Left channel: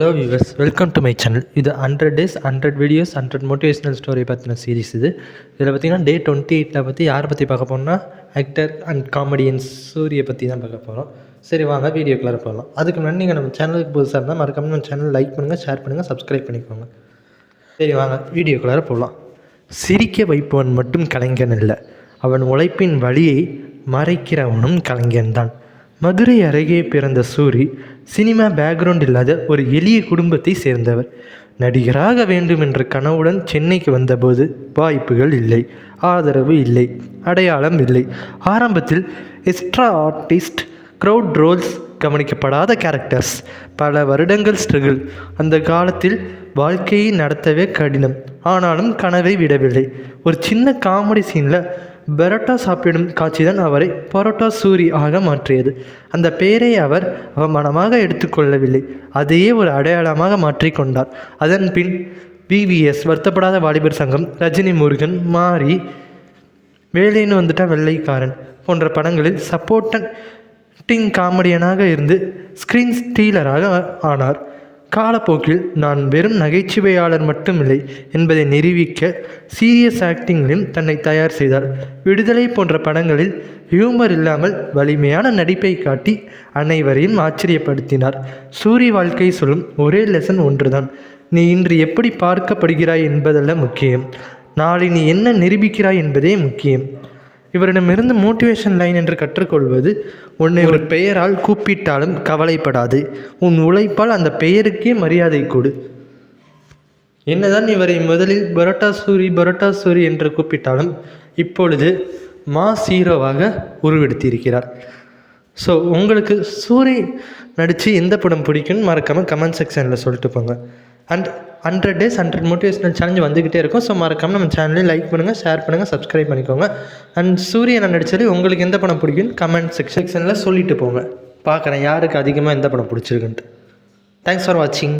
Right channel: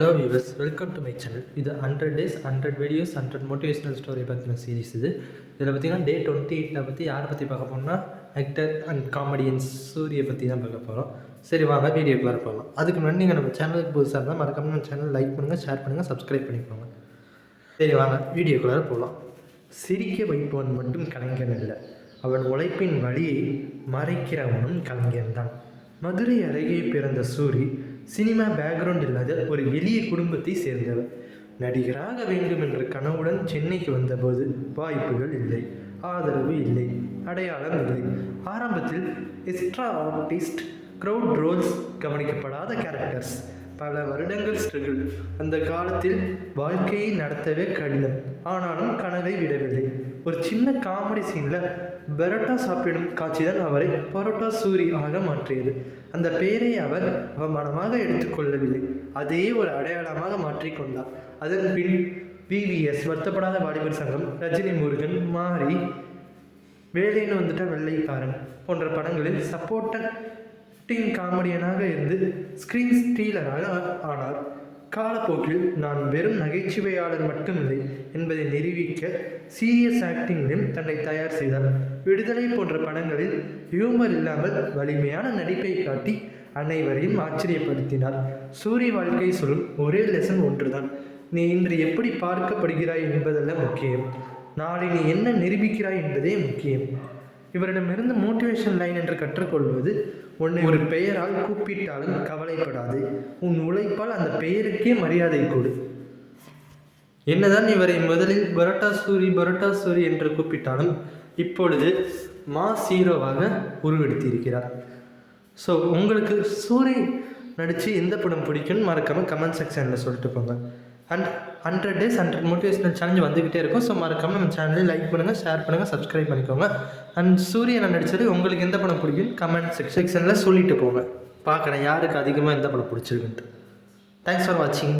Hello viewers, welcome to my channel. இது 100 days 100 videos 100 motivational story பற்றின series. இதில் பார்த்திங்கன்னா டே 28 பற்றி யாரை பற்றி பார்க்க போகிறோம்னா ஆக்டர் அண்ட் காமெடியன்ஸ் சூரியை பற்றி தான் பார்க்க போகிறோம். சரி வாங்க வீடியோக்குள்ளே போகலாம். அதுக்கு முன்னாடி நீங்கள் நம்ம சேனலுக்கு புதுசாக இருந்தால் மறக்காம நம்ம சேனல் லைக் பண்ணுங்கள், ஷேர் பண்ணுங்கள், சப்ஸ்கிரைப் பண்ணிக்கோங்க. சரி வாங்க வீடியோக்குள்ளே போகலாம். சிரிக்க வைப்பவன் மட்டும் கலைஞன் இல்லை, அவன் உழைப்பின் வழியை மறைக்கிறவனும் கலைஞன்தான். மதுரை அருகே பிறந்த சூரி சினிமா பேக்ரவுண்ட் இல்லாத ஒரு எளிய குடும்பத்தை சேர்ந்தவர். நடிகராக வேண்டும் என்ற கனவுடன் சென்னைக்கு வந்தபோது வாய்ப்புகள் இல்லை, ஆதரவு இல்லை, அடையாளம் இல்லை. ஆரம்பத்தில் எக்ஸ்ட்ரா ஆர்டிஸ்ட், க்ரௌட் ரோல்ஸ், கவனிக்கப்படாத கேரக்டர்ஸ், பல வருடங்கள் ஸ்ட்ரகிள். அந்த காலத்தில் வாழ்க்கையை நடத்தவே கடினம். ஆனாலும் கனவை விடவில்லை. ஒரு சின்ன காமெடி சீனில் பரோட்டா சாப்பிடும் காட்சிதான் அவரை பரோட்டா சூரி ஆக மாற்றியது. அந்த பெயரை அவர் அவமானமாக எடுத்துக்கொள்ளவில்லை, அதையே ஒரு அடையாளமாக மாற்றிக்கொண்டார். அதன் பின் VVS, வருத்தப்படாத வாலிபர் சங்கம், ரஜினி முருகன், மாரி, வேலைன்னு வந்துட்டா வெள்ளைக்காரன் போன்ற படங்களில் சப்போர்ட்டிங் காமெடியனாக இருந்து ஸ்க்ரீன் ஸ்டீலராக ஆனார். காலப்போக்கில் நான் வெறும் நகைச்சுவையாளர் மட்டுமில்லை என்பதை நிரூபிக்க சீரியஸ் ஆக்டிங்கிலும் தன்னை தயார் செய்தார். விடுதலை போன்ற படங்களில் ஹியூமர் இல்லாமல் வலிமையான நடிப்பை காட்டி அனைவரையும் ஆச்சரியப்படுத்தினார். சூரி வாழ்க்கை சொல்லும் ஒரே லெசன் ஒன்றுதான்: நீ இன்று எப்படி பார்க்கப்படுகிறாய் என்பதல்ல முக்கியம், நாளை நீ என்ன நிரூபிக்கிறாய் என்பதே முக்கியம். இவரிடமிருந்து மோட்டிவேஷன் லைன் என்று கற்றுக்கொள்வது: உன்னை ஒரு பெயரால் கூப்பிட்டாலும் கவலைப்படாது, உன் உழைப்பால் அந்த பெயருக்கே மரியாதை கொடு. என்னதான் இவரை முதலில் பரோட்டா சூரி என்று கூப்பிட்டாலும் இப்பொழுது மாஸ் ஹீரோவாக உருவெடுத்திருக்கிறார். ஸோ உங்களுக்கு சூரி நடித்து எந்த படம் பிடிக்கும்னு மறக்காமல் கமெண்ட் செக்ஷனில் சொல்லிட்டு போங்க. அண்ட் 100 days 100 மோட்டிவேஷனல் சேலஞ்ச் வந்துக்கிட்டே இருக்கும். ஸோ மறக்காமல் நம்ம சேனலையும் லைக் பண்ணுங்கள், ஷேர் பண்ணுங்கள், சப்ஸ்கிரைப் பண்ணிக்கோங்க. அண்ட் சூரியனை நடித்தது உங்களுக்கு எந்த படம் பிடிக்குன்னு கமெண்ட் செக்ஷனில் சொல்லிட்டு போங்க. பார்க்குறேன் யாருக்கு அதிகமாக எந்த படம் பிடிச்சிருக்குன்ட்டு. தேங்க்ஸ் ஃபார் வாட்சிங்.